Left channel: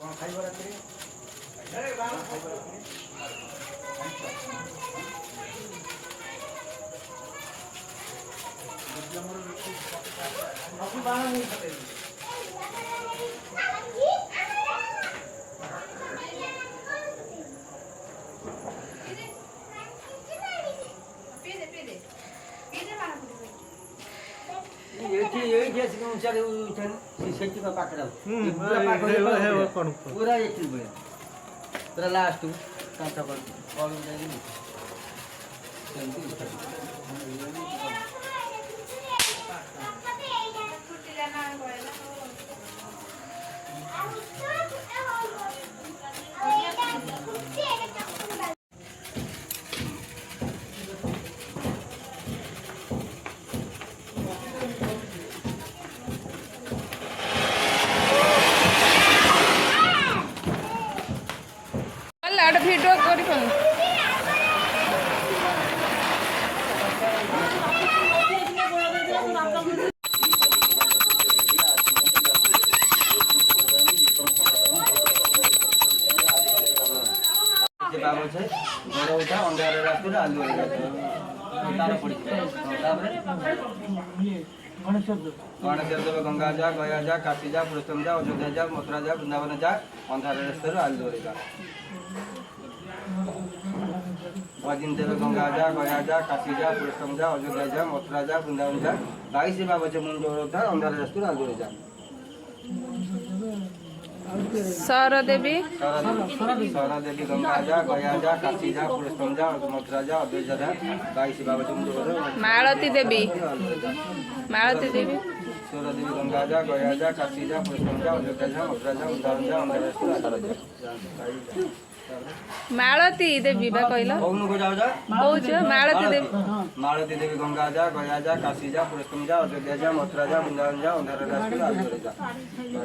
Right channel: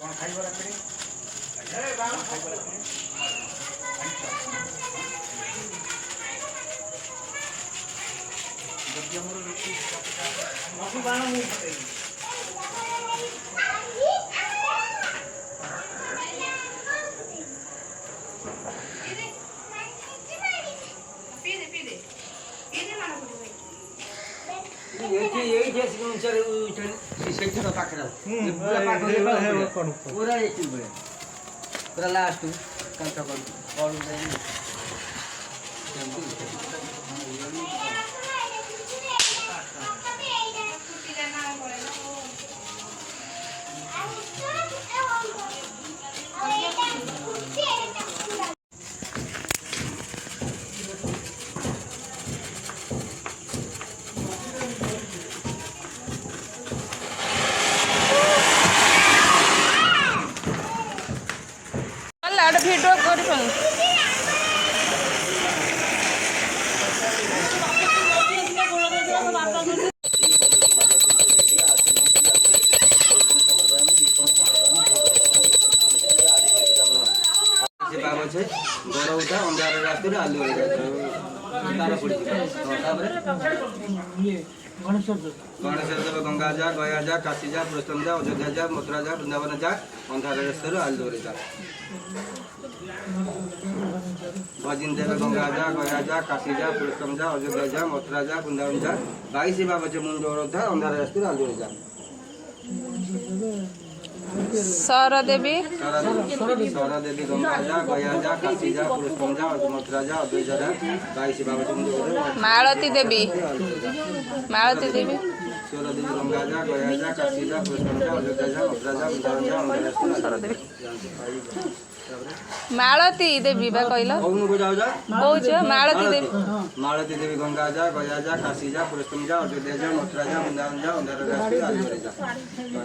कौन खाइबो रात्री अरे बाबा खाइबो रात्री जब हमरो रोटी मसु बाणा नहीं खाएगी ये जैसे कि उनसे उठन सेंटी का पाकरा पूरा पाकरा पूरा एक किलो है पूरा लास्ट कांटा कर और नहीं একটা ভিডিও করি ফেল बाबा छे घर उठा अंधार रास्ते आलू तार पड़ी गणेश देव गंगा जा गया जा काशी जा पुरुषोत्तम जा अयोध्या जा मथुरा जा वृंदावन जा अंधार रास्ते आलू जा भजिन देव गंगा जा गया जा काशी जा पुरुषोत्तम जा अयोध्या जा मथुरा जा वृंदावन जा 22 बाबा छे मुंडो उठा अंधार रास्ते आलू जा सारा देवी गंगा जा गया जा काशी जा पुरुषोत्तम जा मथुरा जा अयोध्या जा 22 बाबा छे मुंडो मालती देवी मालती देवी सोरा देवी गंगा जा गया जा काशी जा पुरुषोत्तम जा अयोध्या जा मथुरा जा वृंदावन जा अंधार रास्ते मालती देवी बा कहला कौन को जाओ जा कहू मालती देवी गंगा जा गया जा काशी जा पुरुषोत्तम जा अयोध्या जा मथुरा जा वृंदावन जा अंधार रास्ते आलू जा